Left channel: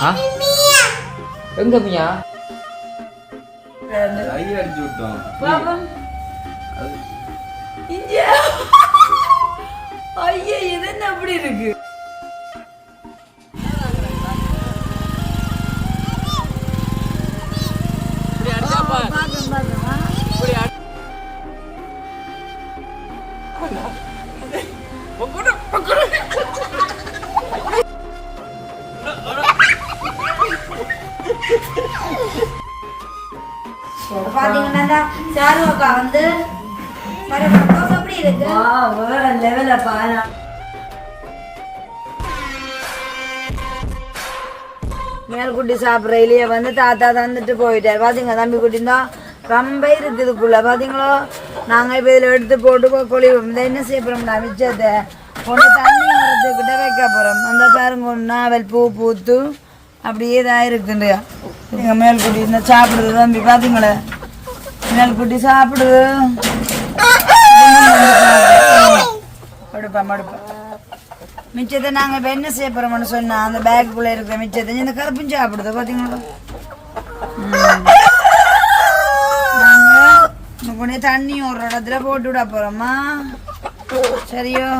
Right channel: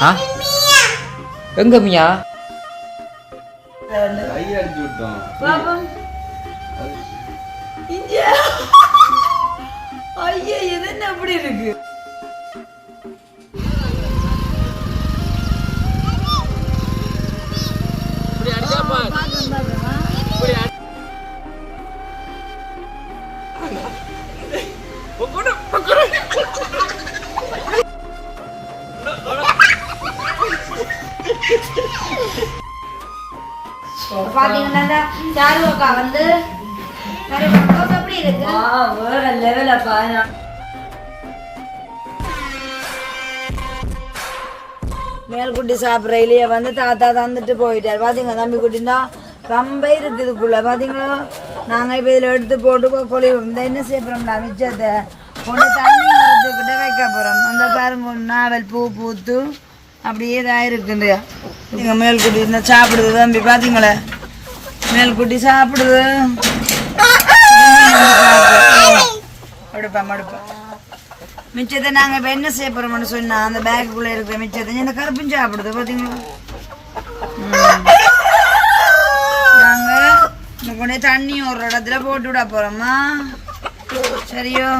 ஆ? எங்க மியா? ஐயா இது என்ன அப்படி இருக்கு? பாத்தீங்கன்னா சாரு அக்கா வந்து சாரு பக்கம் எப்படி இருக்கு? ஆ வேற பாரு மேல்குட்டி சாப்பிட்ற இல்லையே வந்து தாத்தா தந்துட்டு போயிட்டார். பாத்தீங்க தம்பி குட்டி? தான் ரொம்ப இருக்குதுக்குள்ள பாத்தீங்களோ? நாங்க இப்ப இதுல எடுத்து போட்டு கொழி இந்த என்ன செய்ய போறோம்டா மிச்சத்தை ஒன்று தண்ணி மரத்துக்கிட்ட வைக்க போறோம். அந்த பாருங்க நாவல் பூ பூத்து அப்படியே இதாக இருக்குண்டு நீங்கள் மேல்குட்டி இந்த சாப்பிடுது தம்பி பாத்தீங்களே மேல்குட்டி சாப்பிடு. மடுப்பா மடுப்பா மிச்சத்தை நாங்கள் இப்போ என்ன செய்ய போகிறோம்னு சொன்னால் அந்த பேக்குள்ளே இருக்கிற மிச்சத்தை இந்த கருப்பும் சாப்பிடுது பார்த்தீங்களா நாங்கள் இந்த கொண்டு தண்ணி ஒரு இடத்துல போட்டு விட போகிறோம்மா சரியோ?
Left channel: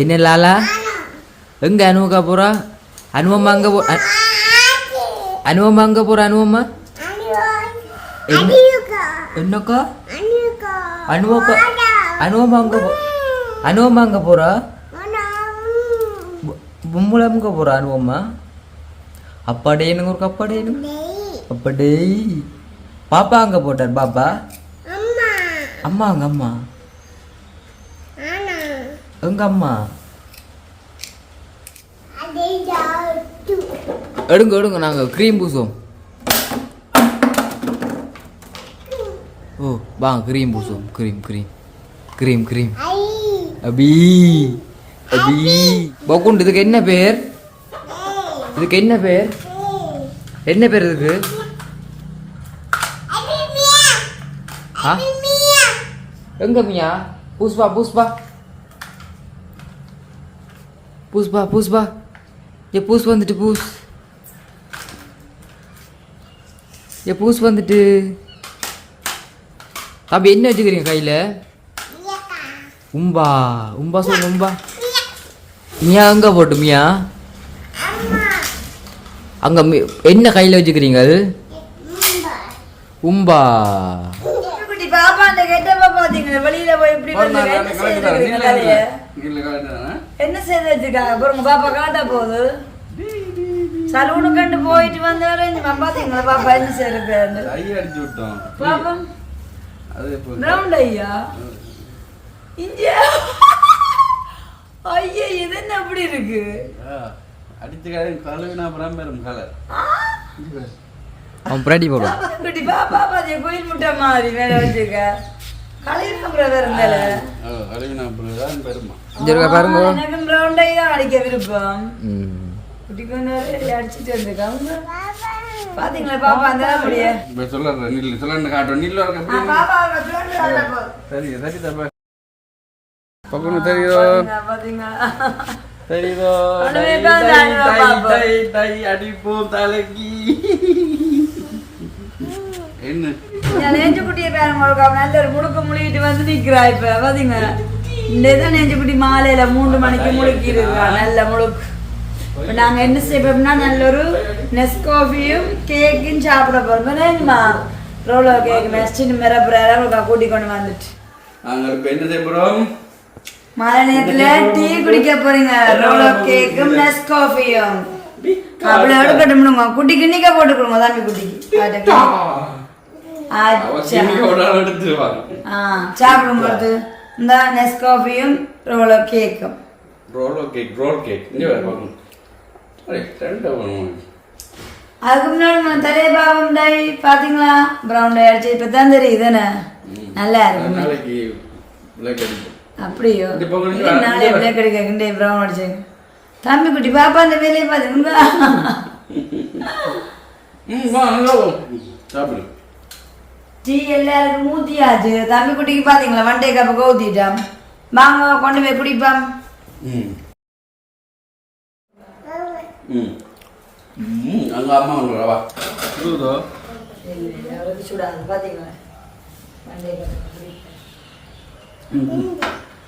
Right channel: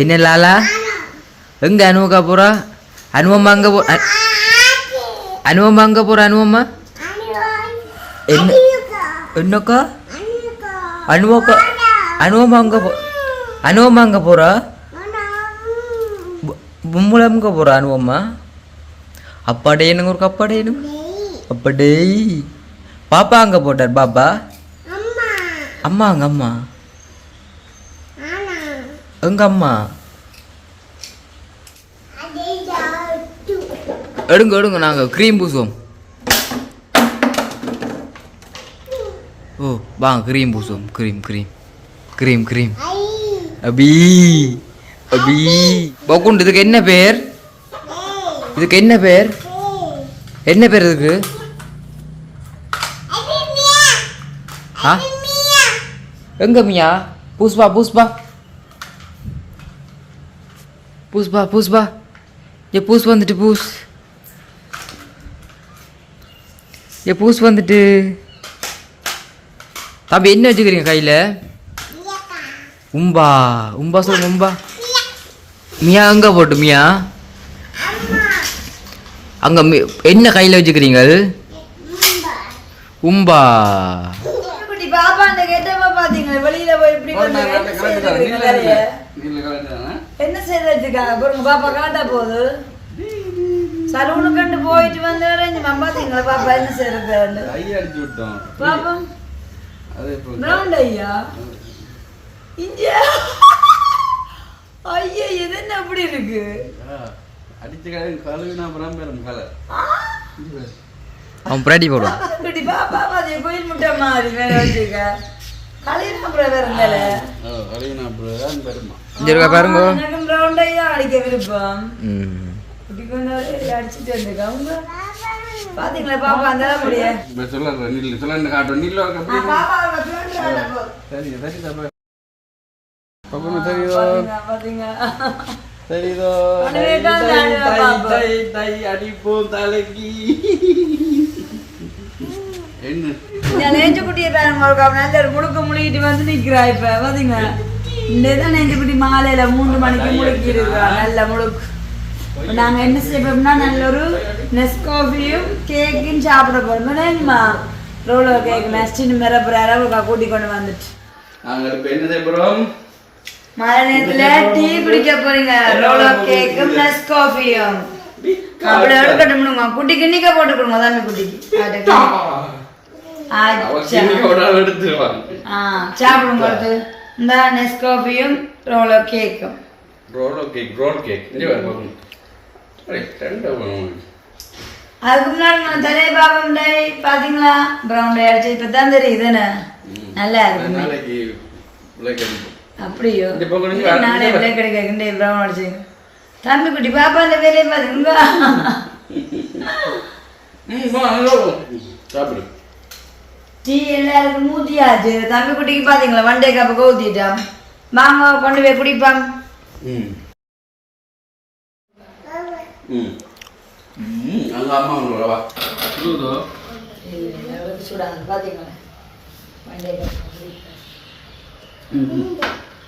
என்ன லாலா? எங்க அனுவக்கா போறா? அனுவம்மா அங்க போ அனுவம்மா அங்க போறா அனுவம்மா என்ன என்னக்கா? அனுவக்கா அனுவம்மா அங்க போ அனுவம்மா அங்க போறா? பொம்பளை அங்க போறா அனுவம்மா அப்பாடேனுங்க ஒரு அப்பாடேனு அப்படே பாப்பா அங்க போட்டார் பாப்பா? அம்மா அங்க அம்மா. எங்க அம்மா? எடுங்க எடுங்க நாங்கள் க்ரீம் பூசுவோம். ஓ வாங்க cream பூசுவோம். Cream cream cream cream Abhi Abhi. பக்குண்டு இதுக்கு என்ன பேர்? இதுக்கு என்ன பேர்? என்ன பேர் இதுக்கு? ஆ? எங்க மியா? புஷ்பா புஷ்பா புஷ்பா புஷ்பா ஏ பூஸ் வந்துட்டு பூஸ் ஏ பூஸ் வந்துட்டு. தம்பி என்ன வச்சுக்கிறீங்க கையில்? உம்பா உம்பா சொல்லுங்க உம்பா. மியா எங்க போட்டு மியா? அங்க மி- என்ன கையில் வச்சுக்கிறீங்க உம்பா. குட்டி பாப்பா அந்த கெட்டப்ப பார்த்தீங்களா வெளியில போய் இப்படி வந்து என்ன பாருங்க பாப்பா காட்டா போகுது. சலூனு கண்டு போயிட்டு வந்து இறங்கி பாத்தீங்களா பாப்பா விட்டோம் பாப்பம் அது இப்போ ரவுண்ட் ஐயா இந்தியா ஐயா இது என்ன அப்படி இருக்கு அடிச்ச கலர் கழுவினா அப்புறம் பெரும் கலர் அவன் பிராட்டி போடுவான் குட்டி பாப்பா பாத்திய கோயில் முட்டை மாதிரி மேல வச்சுக்க கலையினா அப்புறம் வேற மேல கழுவினா அப்புறம் பெருமா பாருங்க எனக்கும் ரவுண்ட் ஐ தான் அடிக்க விருப்பம் குட்டி அடிச்சுட்டு பாத்தீங்களா பாப்பா அந்த முடிய நில்லு சொல்லு காட்டும் நில்லு. சரி சரி தப்பா தெரியுதோ. தெரியுதோ. அடிப்போம் தலைக்கு. என்ன? நெஞ்சு குட்டியை பாருங்க ஒரு ஒரு முழுக்க முழுகிட்டு வந்து நிக்கிறா இப்ப பாத்தீங்க இந்த தான் நெஞ்சு குட்டி மாலையில மூன்று மணிக்கு முழுக்கி இருக்கா நல்ல முழுக்கு. இப்ப நாங்க என்ன செய்யப்போம்னா நல்ல ஒரு நெஸ்காஃபியும் கேக்கும் சாப்பிட போறோம் என்னமா ரோலோ கேக் நெஸ்டின் மிரப்புற அளவுக்கு கூட்டி கொண்டு வந்துட்டு நாங்கள் இப்போ என்ன செய்ய போகிறோம் மழை நேரத்துல டீ குடிக்க போறீங்க ரோலோ கேக்கும் நெஸ்காஃபியும் அப்படி எடுக்கட்டும்னுங்க குட்டிக்கு இன்னைக்கா போட்டு கொடுங்க தாமி குட்டிக்கு கிண்ணிக்க சாப்பிடும் பொழுது இந்த நெஸ்காஃபியும் ரோலோ கேக்கும் ரோல் கேக் ரோல் கேக் அதுக்கு முன்னாடி நான் தலையை பாவம் டை பாத்தீங்களா ப்ரௌன் டை அடிச்சு இப்போ தான் தெரியுது தானே நல்லா இருக்கு. அப்படியோ. நாளே பிள்ளை ப்ரௌன் அடிச்சு. தம்பி குட்டி பாப்பா அந்த வேலையை வா. சாப்பிடு. டீ எல்லாருக்கும் ஊத்தியாச்சு. தம்பி குட்டிக்கு பாத்தீங்களா வண்டே கப்ப கவுத்திட்டோம் மாமா கொண்டு போய் குடிப்பாம் ம் ம். ம் அங்கே அம்மா வந்து வா சுடுதோ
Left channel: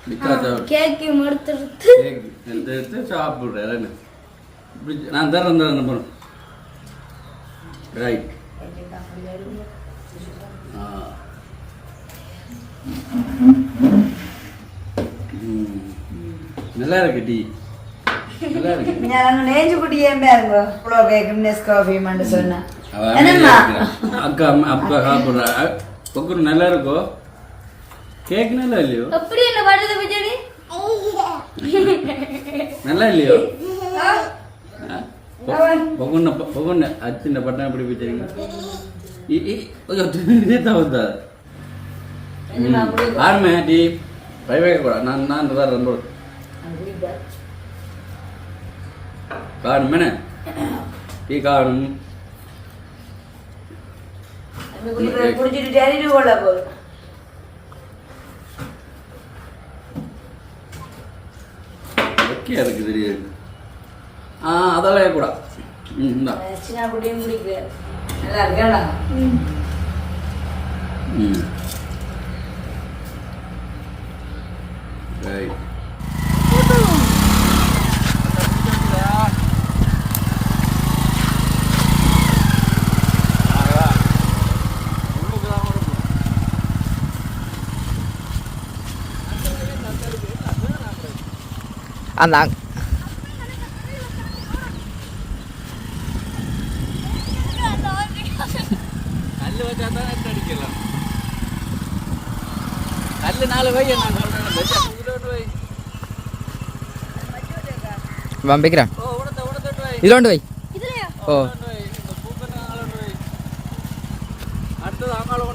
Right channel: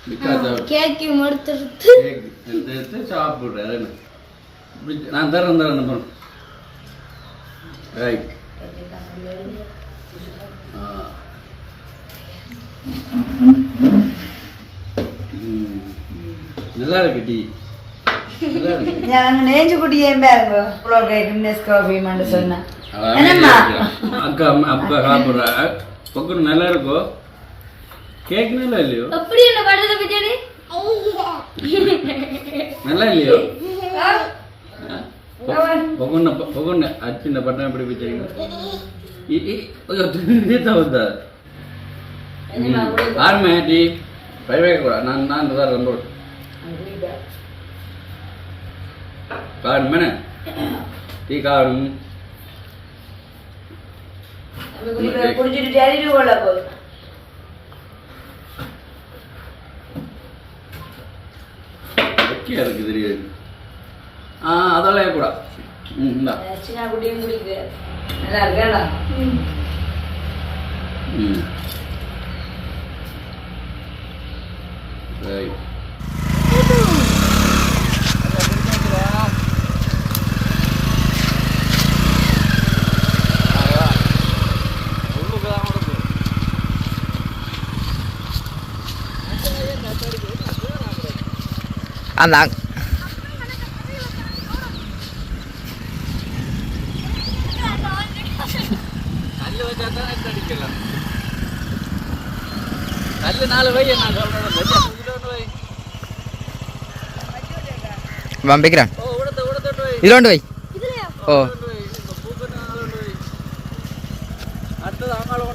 நிக்காத கேக்கு மடுத்துறது கேக் எடுத்து சாப்பிட்றேன் நான் தரேன் தரேன் போகிறேன் ரைட். ஆ. நல்லா இருக்கு டீ. ഞങ്ങൾ നെഞ്ചു കുടിയേം പേരോ കേക്കും നെസ്കോഫി മണ്ട് சொன்னா அக்கா அப்பா சாப்பிடுறா பொக்கு நல்லா இருக்கும் கேக் நல்லா இல்லையோ அப்படி என்ன பண்றது பச்சடி நல்லா இல்லையோ பொகுண்ண பொகுண்ண அச்சின்ன பட்டம் எப்படி பிடிச்சிருங்க ஆரம்பி பை வைக்க கூட நான் குடிக்கு நல்லா இருக்கேண்டா ம் ரைட் அந்த கல்லு நாலு வை நான் சொல்றேன்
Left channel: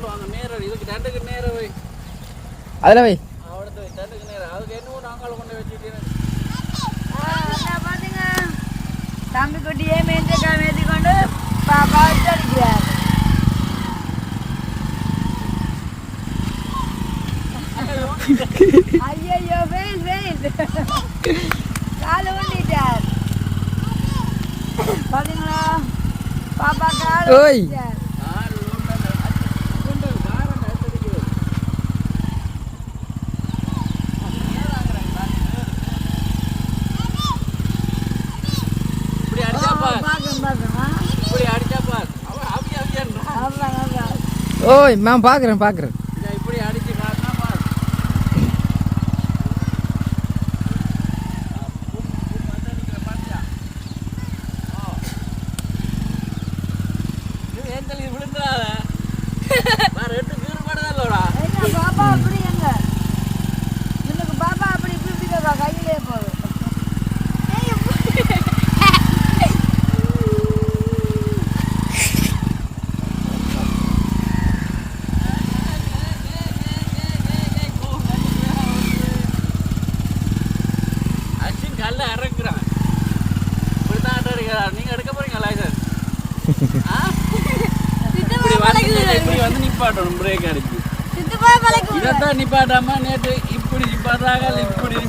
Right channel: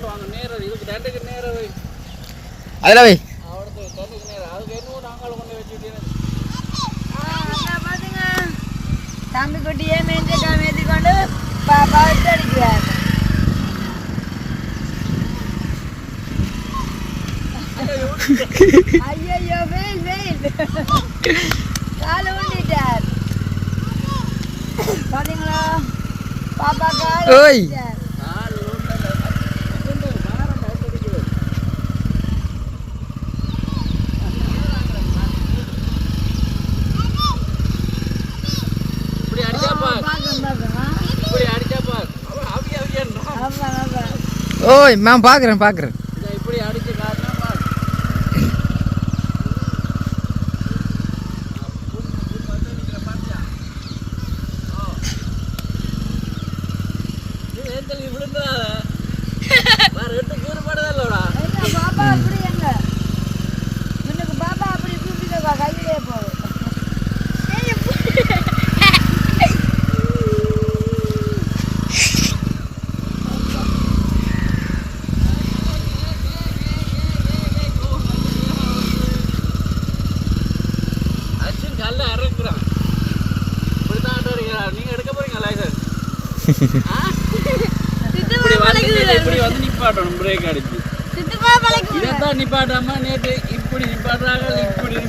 வாங்க நேரம் இதுக்கு டண்டுக்கு நேரம் வை అదిలో పోయి தம்பி குட்டியே மேய்ச்சி மேய்ச்சி கொண்டு பாப்பா வச்சு அடிக்கிறார் ஐயோ வெயில் வெயில் காலை ஊண்டிட்டார் பாத்தீங்களா பாப்பா கால் ஓய். இப்படி அடிச்சா பார் பாக்கம் பாக்கம் இப்படி அடிச்சா பார் அவன் அவிய அவியன்றா அவ்வளோ நல்லா ஓய் மேம் பார்க்குறேன் பார்க்குறேன் பழக்கு இதைத்தான் நிப்பாட்டாம நேற்று இப்படி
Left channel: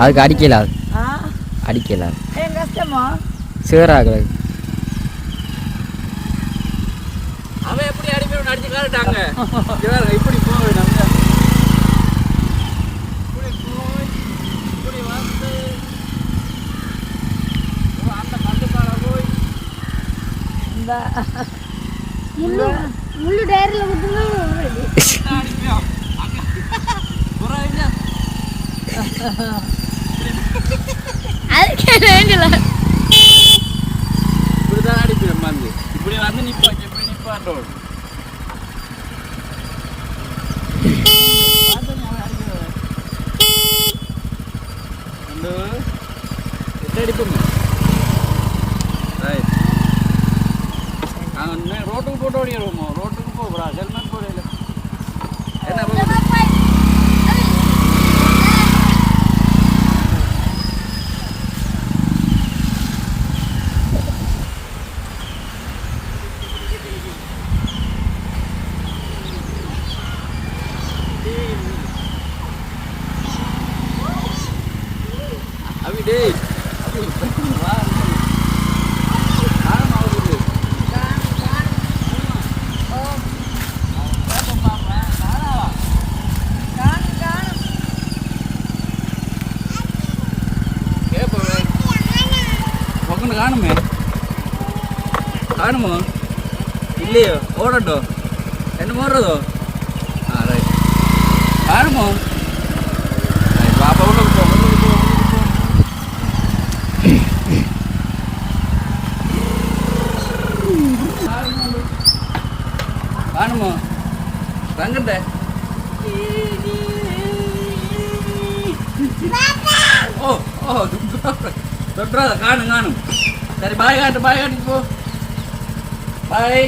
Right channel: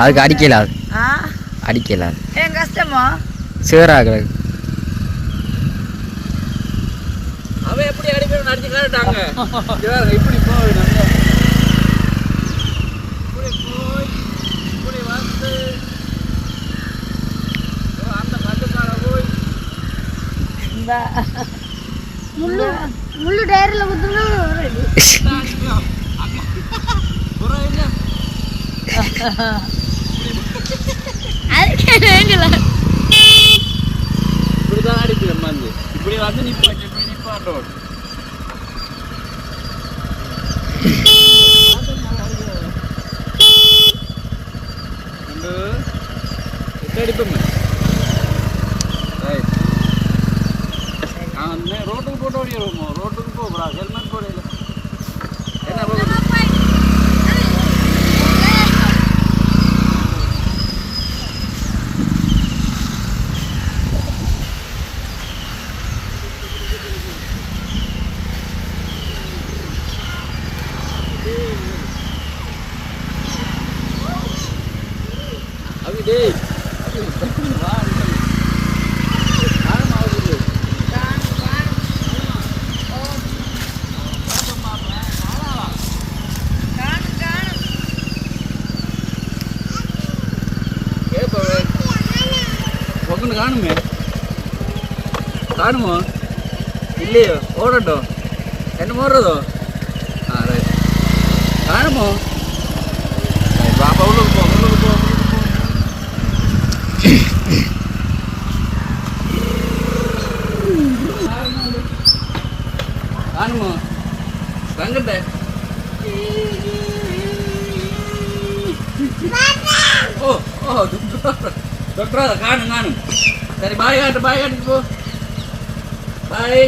அதுக்கு அடிக்கல அடிக்கல கஷ்டமா? சேராகல. அவன் எப்படி அடிக்கணும் அடிச்சுட்டாங்க இப்படி போக முள்ளு முள்ளு டயரில் குத்துனா வரும் இப்படிதான் அடிக்குது வந்து இப்படி வந்து நிப்பாட்டு இப்படி நிப்பாட்டோம் வந்து எட்டு அடிப்போங்க ரைட் நாங்கள் ரோட்டுக்கு போட்டு ஓடிடுவோமோ ரோட்டுக்கு போகிறா ஹெல்மெட் போடையில என்ன ரோடு அவிடே வா காரணம் ஆகுது ஒக்கன்னு காணுமே காணுமோ இல்லையோ ஓடட்டோ என்ன ஓடுறதோ ஆ ரைட் காணுமோ பாப்பா உள்ள போ உள்ள போ உள்ள சரி பாய் காட்டு பாய் காட்டுக்கு போ பாய்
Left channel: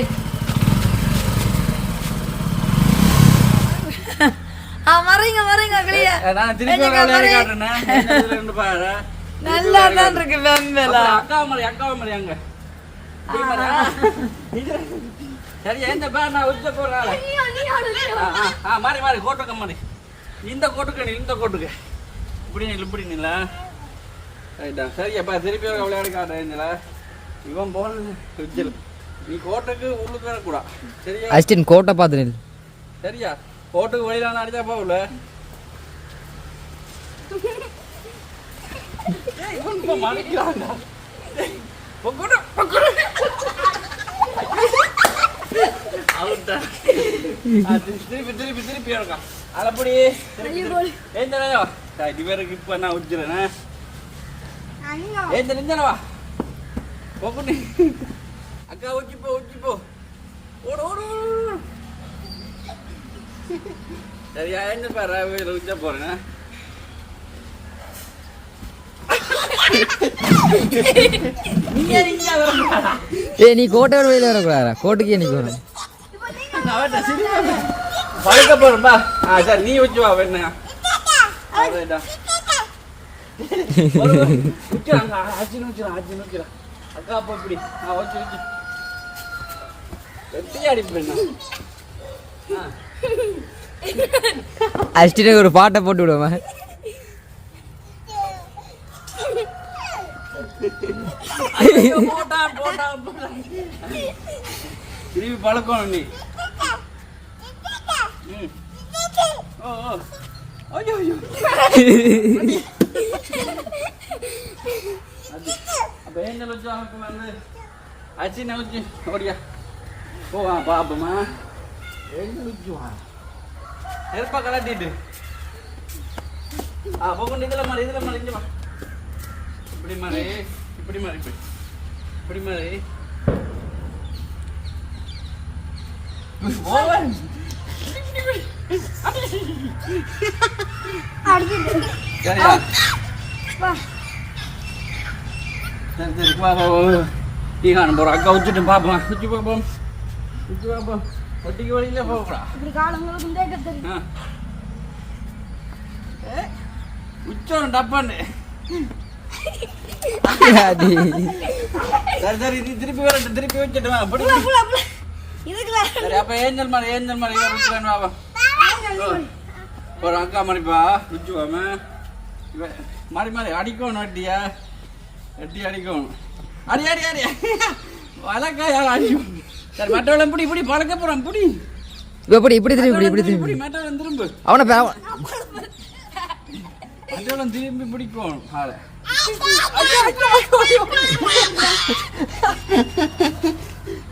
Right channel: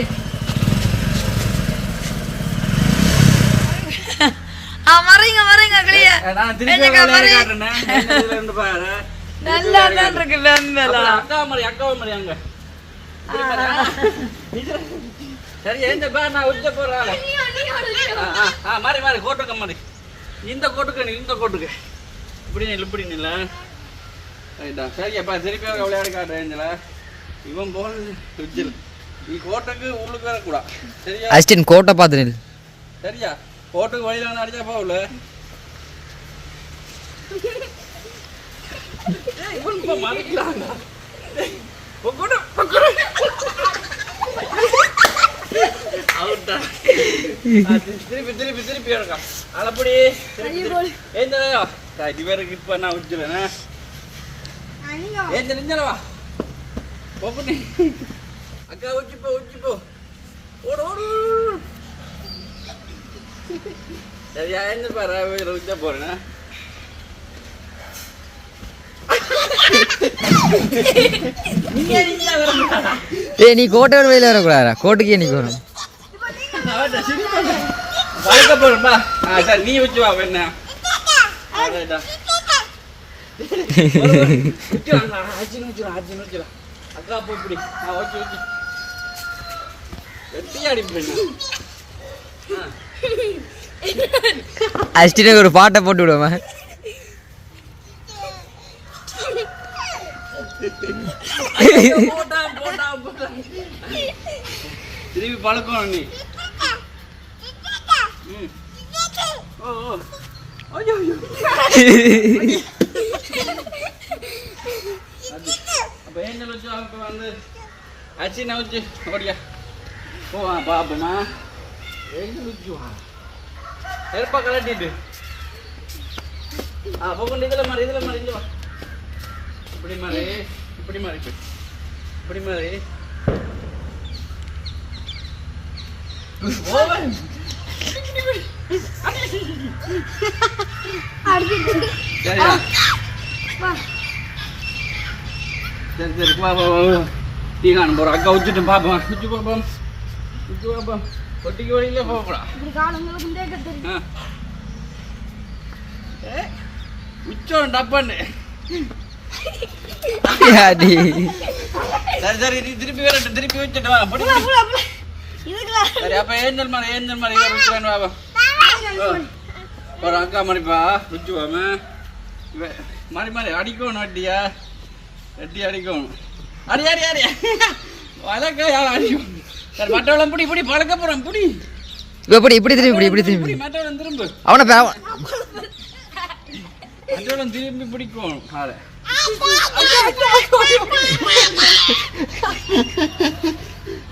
மறைங்க மறைங்க கிளியா நான் திருப்பி வேலையை. காட்டுனேன் இருந்து பாரு நல்லா தான் காட்டு. இருக்கு வெம்பலா அக்கா மாதிரி அக்கா மாதிரி அங்க. சரி எந்த பேர் நான் உச்ச போற ஆளு ஆ, மாறி மாறி கோட்டுக்க மாறி இந்த கோட்டுக்கு இந்த கோட்டுக்கு இப்படி இப்படி நில்ல ரைட்டா சரி அப்பா திருப்பி ஒரு விளையாடு ஏஞ்சலா இவன் போன உச்சல் நீ கோட்டுக்கு உள்ளுக்கு வரக்கூடா சரியா அசிஸ்டன்ட் கோட்டை பார்த்து நில் சரியா கோட்டுக்கு வழியில வந்து அடிச்சா போகல இவன் இப்ப மறைக்கிறான்டா. பொக்குடு, பொக்குடு. திருப்பி திருப்பி திருப்பி இருக்கா அளப்படி ஏஞ்சலையோ இவருக்கு இப்ப நான் பொக்குடி அக்கா உச்சி போ உச்சி போ. ஓடு ஓடு சரியா என்ன பாரு உச்ச போறேங்க ஏய் நீ கோட்டை விட வெளியில் வரக்கூடாதா கோட்டுக்கே நீ வரும் வளர்க்க போறேன்பா ஆ சரி நீ வச்சு வா என்ன அக்கா அப்போ இப்படி நான் வச்சு வெட்டி ஒரு பாட்டை போட்டு விடுவா திருப்பி பழக்கணும் நீ. ஓ ஓ. ஐயோ ஐயோ. அப்போ ஏஞ்சல் வச்சு அவங்க வந்து? அச்சி நவச்சு ஓடியா. ஓ பாப்பமா நெருப்பா கலட்டிட்டு ஆ போகணும் இதில் மாதிரி இதில் மாதிரி இங்கே இப்படி மாதிரி இப்படி மாதிரி இப்படி. மாதிரி ஓவன். சரியா? சரி சரி பா பா டீ காணும் போகிறோம் அக்கா வச்சுட்டு பார்ப்போம் வச்சு பார்ப்போம் வச்சு பார்ப்போம் ஒட்டிக்கு வழியிலே போகலாம் ஆ ஏ, உச்சம் டப்பான்னு சரி சரி திருப்பி வரட்டும் திருப்பி வச்சுட்டு வா பிடி சரி அப்ப ஏஞ்சல் மாதிரி ஏஞ்சல் மாதிரி இவர் வச்சுக்கான்னு வாப்பா ஒரு அக்கா மாதிரிப்பா வச்சுக்கோம மாறி மாறி அடிக்கணும் அடியா. அடி அடிக்கணும். அடி அடி அடி. வழக்கா யாரும் அடிக்கும்? சரி மற்றவளம் பிடி பிடி பழக்க போறான் பிடி. இப்போ இப்படி இப்படி திரும்பி இப்படி இப்படி திரும்பி. மற்றவளம் திரும்ப. அவனை மற்றவளம் திரும்பி பிடிக்கும் காலை.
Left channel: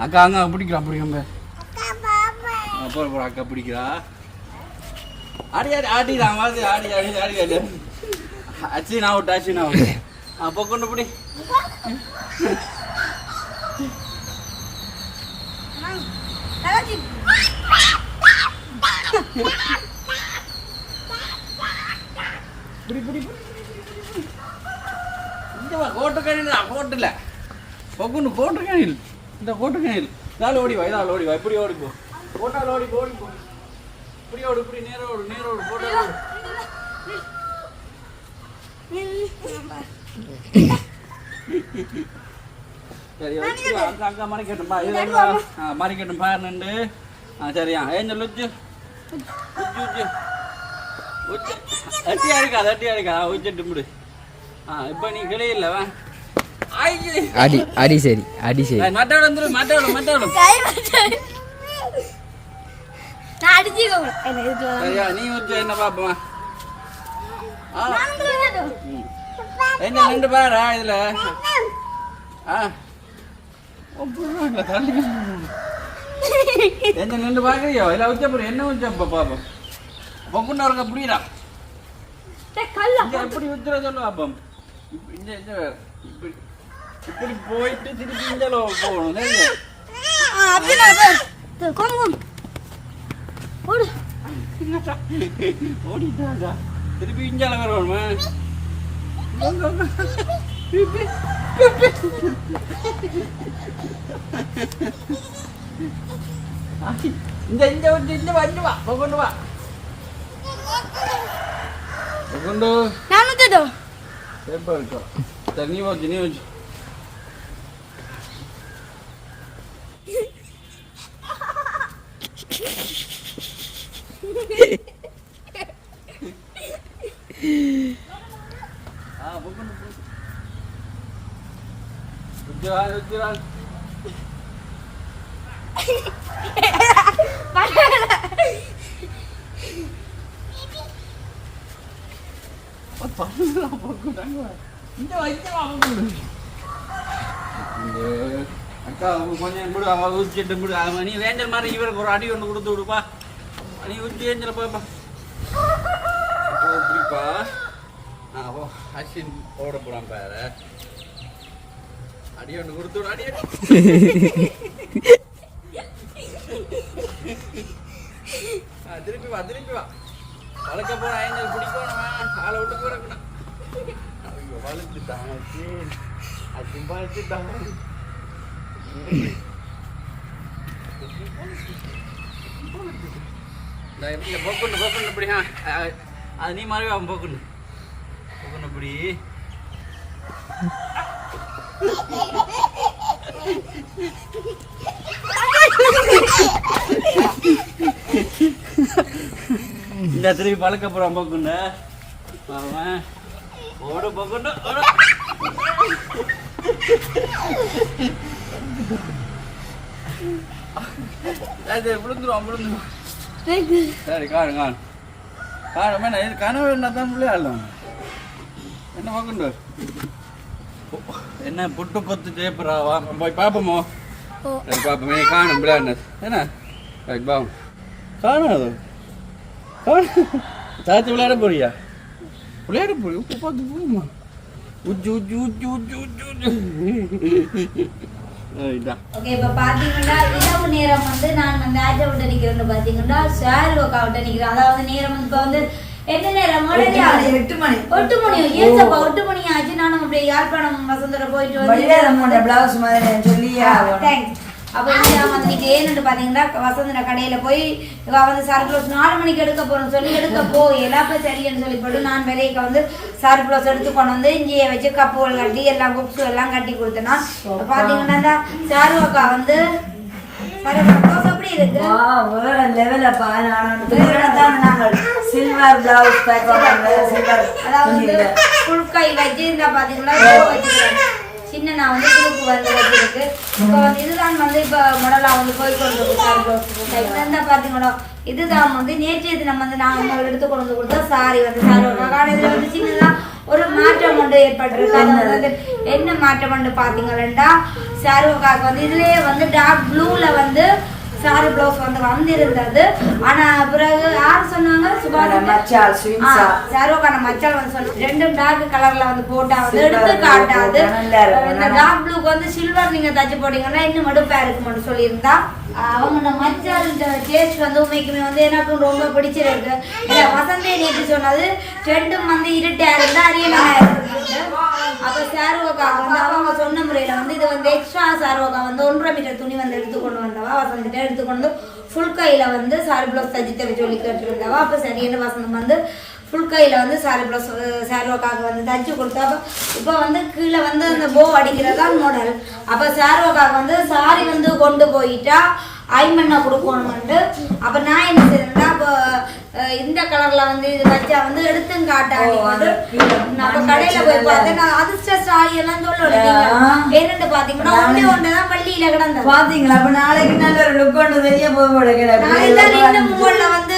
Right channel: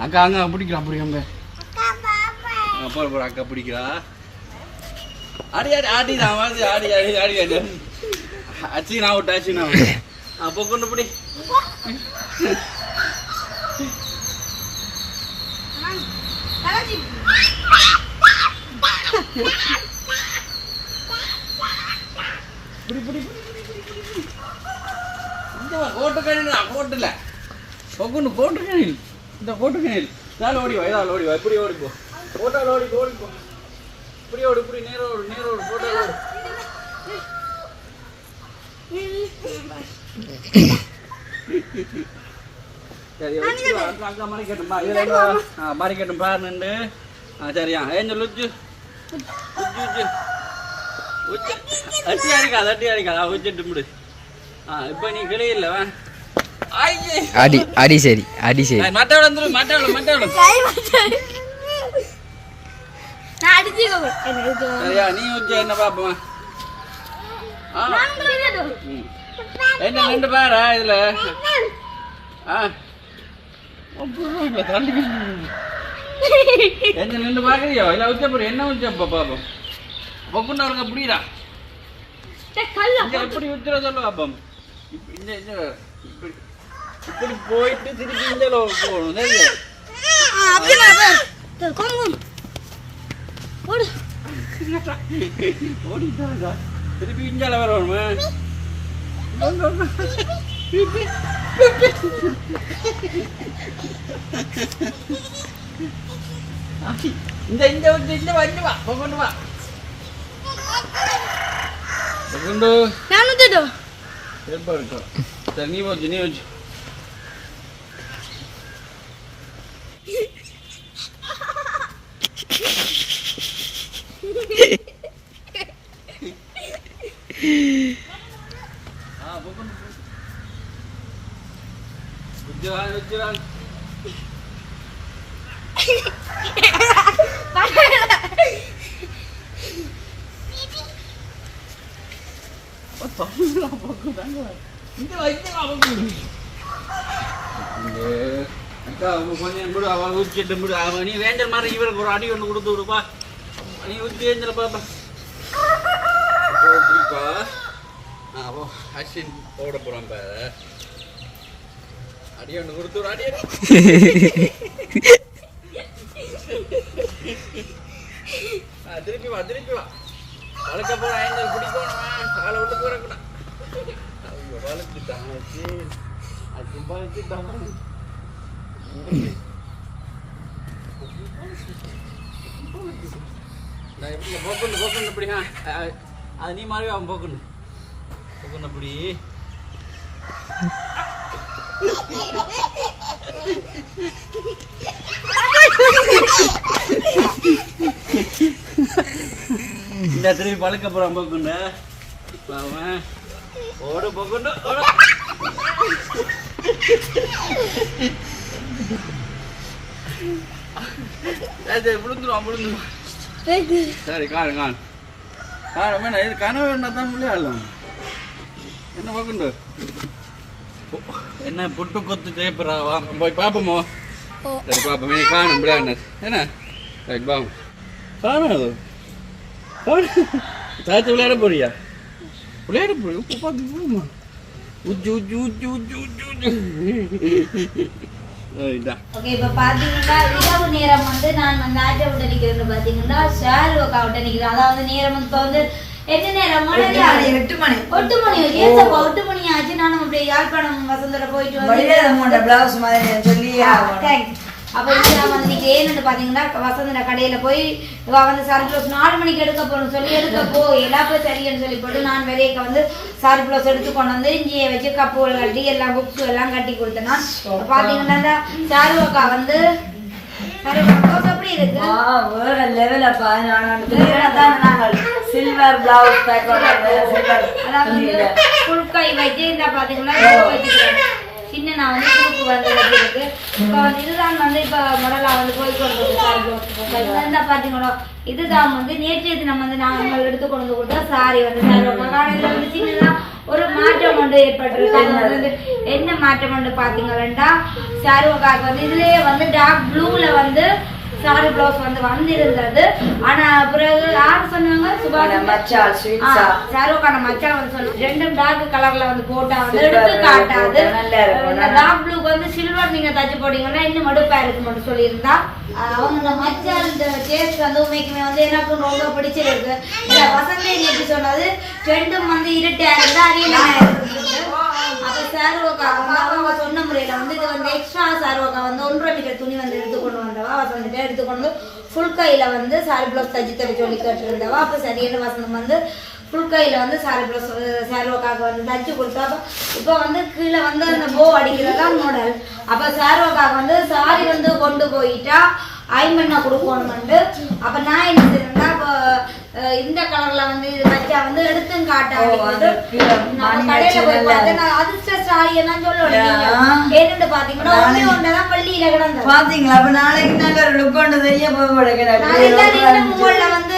அக்கா அங்க பிடிக்கிறா பிடிக்காம போற போற அக்கா பிடிக்கிறா. ஆடி ஆடி ஆடி தான் வருது ஆடி ஆடி ஆடி ஆடி அச்சின் அவுட் அச்சின் அவுட் அப்போ கொண்டு பிடி பிடி பிடி கணினா கோட்டுல பொகுன்னு கோட்டு கணில் இந்த கோட்டு கணில் நாள் ஓடி வா இதால் ஓடி வா. இப்படி ஓடி போ. கோட்டால் ஓடி போ, ஓடி போ. இப்படி ஓடு இப்படி கோட்டால் ஓடு சரி வச்சுட்டு வா. அங்க அங்க மறைக்கட்டுமா பாருண்டு ஆ சரியா ஏஞ்சல் உச்சு உச்சு உச்சு உச்சு அட்டி அடிக்காது அட்டி அடிக்காது உச்சிட்டு முடி ஆ இப்போ நீ கிளியில்ல வா ஆயிச்சு அடி அடி சரி அடி சரி மட்டவளம் வந்துரு மட்டவளம் மட்டவளம் நான் அடிச்சுக்கோங்க என்ன இது சரியா நீ உச்சு என்ன பாப்போமா. என்ன ரெண்டு பேரா இதுல. என்ன ரெண்டு பார்க்குறியோ? இல்லை உச்சப்படி என்ன உச்சப்பா பாப்போம். பொக்குன்னு அவருங்க புரியுதா எப்படி உத்தர சொல்ல பாப்போம்? இப்படி போயிட்டு திருப்பி இந்த போகணும் ஓடிட்டாங்க. திருப்பி இஞ்சால வரணும் இந்த இந்த இந்த இந்த வா கொண்டு வா. கொண்டு நான் வந்துட்டோம் எப்போ இருக்கும் சரி நீ வச்சு நீ வச்சு ஆ போகணும் உஜ்ஜான் உஜ்ஜான் இந்த வைக்க அக்கா அவங்க கொஞ்சம் விடு விடு அவன் நீ வேண்டல் மாதிரி இவருக்கு ஒரு அடி ஒன்று கொடுத்து விடுப்பா. நீ ஊற்றி ஏஞ்சல் பாப்பா இப்படிப்பா அப்போ அஸ்வின் ஓட போகிறான் பாரு. அடி ஒன்று கொடுத்து விடு அடி திருப்பி வா திருப்பி வா. வளர்க்க போற ஐந்தல் பிடிக்கணும் காலை விட்டு போறக்கூடாது ஐயோ வளர்த்துட்டான் சரி. அது வளர்த்துட்டான் நான் எப்படி போக்குன்னு போக்குன்னு இப்படி அது நீ மாதிரி அவன் போக்குன்னு போக்குன்னு இப்படி இந்த திருப்பி பழக்க போறான் போக்குன்னு அவன் ஓட போக்குன்னு ஓட. அது விழுந்துரும் விழுந்துரும். சரி காணு காணு. காணு வேணா இது கனவு என்ன தான் விளையாடலாம்? என்ன பார்க்கண்டு என்ன புட்டு கொத்து தேப்புறா வா போய் பார்ப்போமோ சரி பார்ப்போம் நீ காணும் விளையாடினது. என்ன? சரி பாவம். காணும் அது. விளையாட போறியா? விளையாட போறியா? உப்பு பார்த்து போகுமா உஜ்ஜு உஜ்ஜு உஜ்ஜு உஜ்ஜு உஜ்ஜு ஓகே இப்போ பார்த்தீங்கன்னா இரவு நேரம் வந்து நான் வந்து ஆட்டை விட்டு நிற்கிறேன்னு பார்த்தீங்கன்னா ஷேர் ஒர்க் விட்டு நிற்கிறேன் அதாவது நேரம் வந்து இப்போ வந்து எந்த நேரம்? எட்டு மணி, எட்டு மணி. மணி. ஏசப்பா ஒட்டு மணி ஆச்சு? நானும் அப்படியே யாழ்ப்பாணம் வசந்தோட போயிட்டு வந்து பிளவுஸ் மாதிரி சொல்லியா தேங்க்ஸ் அப்போ வந்து நான் வந்து இன்னைக்கு ஏன்னு பார்த்தீங்கன்னா வசந்தன கடையில போய் இவ வந்து சாரி ப்ளவுஸ் நாலு மணிக்கு எடுக்க போகணும் சொல்லி எடுக்க போ எல்லாத்தையும் சரின்னு சொல்லி போட்டு நான் வெளியே வந்து சாரி ப்ளவுஸ் எடுத்து கொண்டு வந்து இஞ்சியை வச்சு கப்புகள் கட்டி எல்லாம் புக்ஸ் எல்லாம் கட்டி கொடுத்தேன்னா பார்த்தீங்கன்னா சாரு அக்கா வந்து சில்வர் பிளவுஸ் சில்வர் அதாவது புழுக்கை வச்சு இந்த பார்த்தீங்கன்னா சின்ன நான் வந்து குரூப் வந்து இருக்கு. இப்போ வந்து இதுதான் வந்து இப்போ முதல்ல வந்து போய் கொண்டு இந்த பார்த்தீங்களா இதுதான் வந்து நேற்றைய தினம் வந்து நான் அவங்க எடுத்து கொண்டு வந்து கொடுத்தா சாரி வந்து சாரி காலையில் வந்து சின்னலாம் ஒரு மாற்றம் ஒன்று ஏற்பட்டிருக்கு. அது வந்து என்ன மாற்றம் ஒன்று பார்த்தீங்களா சாருக்காக்கு வந்து இதுலயே வந்து டார்க் ப்ளூல வந்து சாரி பிளவுஸ் வந்து வந்திருந்தது. ஆனா பிறகு யார் சொன்னாங்க? சுபாஷ் மச்சால் ஸ்வீட்ஸா சாரோக்கான மச்சான் வந்து சொல்லு ரெண்டும் டார்க் கலர்ல வந்து போட்டா வந்து எடுத்து காட்டாது. டார்க் ப்ளூக்கு வந்து சில்வர் நீங்க தச்சு போட்டீங்கன்னா இன்னும் மடுப்பா இருக்கு மட்டும் சொல்லியிருந்தா. அவங்க இந்த மச்சான் இந்த டேஸ்ட் வந்து உண்மைக்குமே வந்து எனக்கு ரொம்ப பிடிச்சிருக்கு. இல்ல வசந்தி நேற்று சொன்னது? ரெண்டும் வந்து இருட்டா இருந்தா அரியலமா இருக்கு அப்ப சாருவோக்காக வந்து அவங்க சொன்ன முறையில வந்து இது வந்து எக்ஸ்ட்ரா சாருவோக்கா வந்து ஒன்றரை மீட்டர் துணி வந்து எடுத்து கொண்டு வந்தவா வசந்திட்ட எடுத்து ஃபுல் கையில் வந்து சாரி பிளவுஸ் தச்சு தர சொல்லி கேட்டிருந்தவா. அப்போ சரியான வசந்தம் வந்து ஃபுல் கையில் வந்து சாரி ப்ளஸ் சார்வோக்காக வந்து தச்சு கொடுத்தா இப்போ வந்து கீழே வந்து அந்த போ அடிக்கிறதா மாடல் அப்போ சார்வோக்காக வந்து சாரி வந்து கொண்டு போயிட்டா ஐமண்ணா கொடுக்கணும்ட்டு அப்போ நான் என்ன இப்போ இந்த கலர்ல வந்து இது வச்சா வந்து எடுத்தும் நம்ம கடையில போய் பார்த்தேன் நான் அதிர்ஷ்ட எல்லாம் சொல்லணும் என்னன்னு பாத்தீங்கன்னா ஒண்ணே ஒண்ணுதான் பள்ளியில கிடந்தது. பாத்தீங்களா அப்ப நாளைக்கு நல்ல ஒரு லுக் ஒன்று தெரிய போக உங்கள்ல வந்து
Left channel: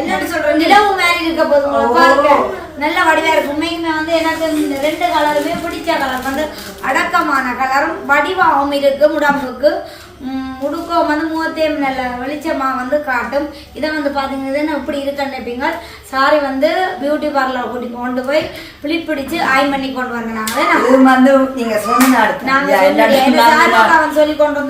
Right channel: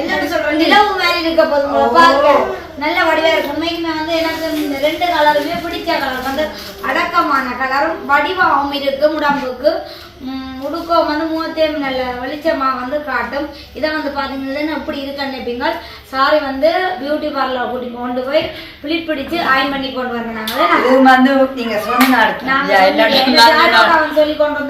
என்னன்னு சொல்றேன். நிலவு மாதிரி இருக்க போது உங்களை பார்க்க. நல்ல வடிவா இருக்கும் உண்மைக்குமே வந்து எனக்கு இந்த ரெண்டு கலருமே பிடிச்ச கலர். வந்து அடக்கமான கலரும் வடிவாகவும் இருக்கு உடம்புக்கு உடுக்கம் வந்து முகத்தையும் நல்ல வெளிச்சமா வந்து காட்டும். இதை வந்து பாத்தீங்கன்னா இப்படி இருக்குன்னு நினைப்பீங்க? சாரி வந்து பியூட்டி பார்லர் கூட்டி கொண்டு போய் பிளிட் பிடிச்சு ஆயின் பண்ணி கொண்டு வந்தேன் நாங்க. இது வந்து நீங்க சொன்ன அடுத்து. நாங்க யா, இல்லாட்டி சொல்லிட்டு நான் சாரி நான் அவன் சொல்லி கொண்டு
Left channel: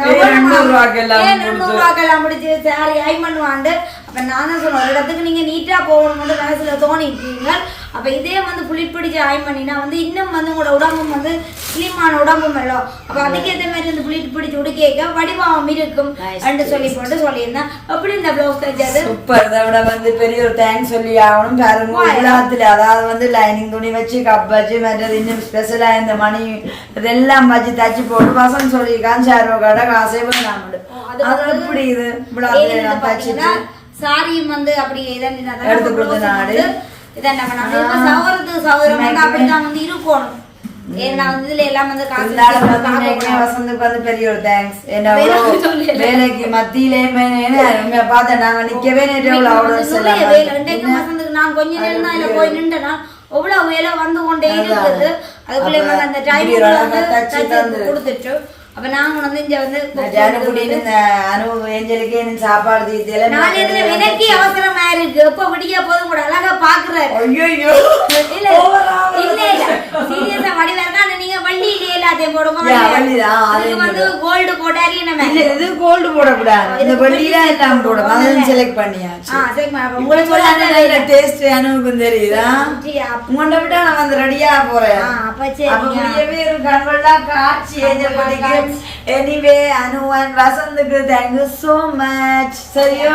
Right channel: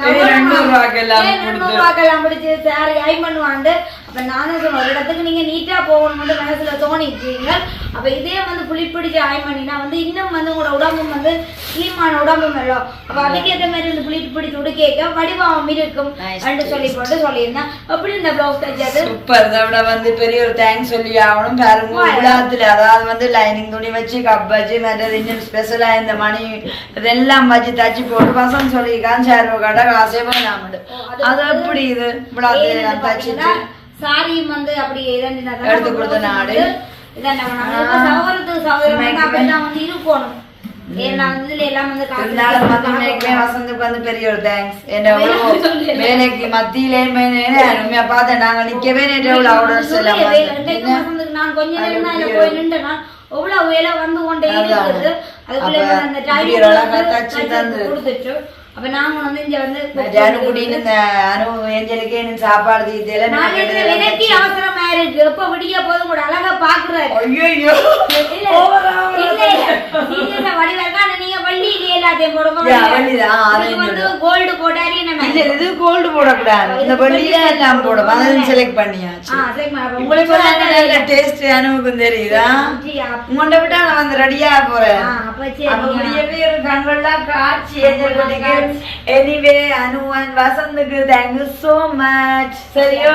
ரூபாய்க்கு எல்லாம் பிடிச்சு சாரி ஐ பண்ணுவாண்டு அப்ப நான் தான் சொன்னேன் ஒரு இடத்துக்கு நீங்க நீட்டா போகணும்னு மனசுல தோணிட்டீங்க அப்ப இதே வந்து புளி பிடிச்சு ஆய் பண்ணினா வந்து இன்னும் வந்து உங்களோட உடம்பும் வந்து ஸ்லிம்மான உடம்பும் இல்லை அப்ப அதுக்கேற்ற மாதிரி இந்த புளி பிடிச்சு உடுக்கேக்க வடிவாகவும் இருக்கும் என்று சொல்லி போட்டு சொல்லியிருந்தேன். அப்படி இந்த பிளவுஸ் தைச்சது சூப்பர் இதை விட வந்து பெரிய ஒரு தேங்க்ஸ் சொல்லி ஆகணும். பாருங்க விழாத்துல அதாவது வந்து லைனிங் துணி வச்சு கப் வச்சு மற்றது இன்னும் ஸ்பெஷலா இந்த மணி இதெல்லாம் வச்சு தச்சு போட்டு பசங்க சொல்லியிருக்கான். சேரோ கடை காசே நாமடு அது எப்படி இது? விழாத்துல நான் தச்சுட்டு. சாரியும் வந்து அப்படி இதான் நாடு. இதான் நம்ம சவரத்துக்கு சவரம் வந்து அப்படிதான் வந்து இருக்கணும் ஏன்னா வந்து இதுல எல்லாம் வந்து. வசந்துக்கு வந்து பெரிய ஒரு தேங்க்ஸ் என்ன. வேலைக்கு மத்தியிலே உண்மையா பார்த்தேன் நாங்க நிக்கவே இன்றைக்கு வந்து. வசந்துக்கு நான் கொஞ்ச நேரம் தான் அது இதுல போய் நின்றுனா எவ்வளவு வேலை வந்து கொண்டே. இருக்குது அதுக்குள்ள அந்த டைம். கொடுத்துட்டு அப்ப நாங்க வந்து இங்க வந்து சாப்பாடு தீத்தியில நாலு எனக்கே அவசரமா இருக்கு. எப்ப விடிய போதும் கூட அழகா பாக்குறாரு. ஐயோ இல்ல இல்ல. சீரியஸா ஆனா நீங்க வந்து கோல்டு போட்டாரி நம்ம இல்ல இது கோல்டு போடக்கூடாது. இந்த வள்ளியில போடும் செலக்ட் பண்ணியாச்சு. உங்களுக்கு டேஸ்ட் அனுவுக்கும் தெரியுதா? உங்கள்ட்ட விட்டா நான் வந்து ரெடியா போறேன். ஒரு காட்சி எனிவே அனுவன் வசந்துக்கு தேங்க்யூ சோ மச் சரியோ?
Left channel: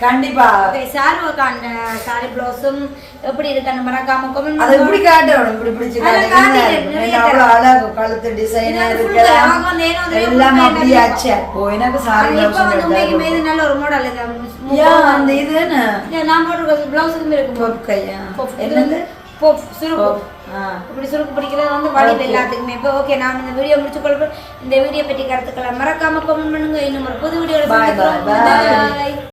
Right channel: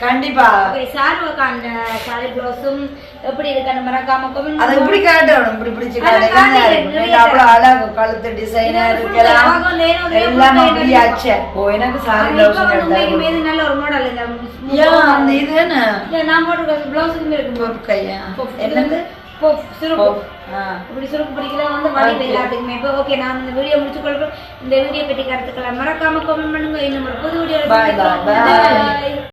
கண்டிப்பா. சாருவக்கா அந்த சாரி பிளவுஸும் எப்படி இருக்கு அந்த மறக்காம comment அது இப்படி காட்டணும் இப்படி பிடிச்சு அவ்வளவு அழகு கழுத்து டிசைன் எல்லாம். ஆச்சு. ஓ எனக்கு சாரி நல்ல ஒரு மாடல் இந்த அந்த இது என்ன. என்னது? சுருக்கு. இப்படி பிடிக்கிறது வந்து வடிவு எல்லாத்துக்குமே. இப்போ ஓகே நான் இந்த வீடியோ முடிச்சு கொள்வோம் இந்த வீடியோ பற்றி கருத்துக்களை மறக்காம கமெண்ட் பண்ணுங்க. இன்னும் ஒரு புது வீடியோ.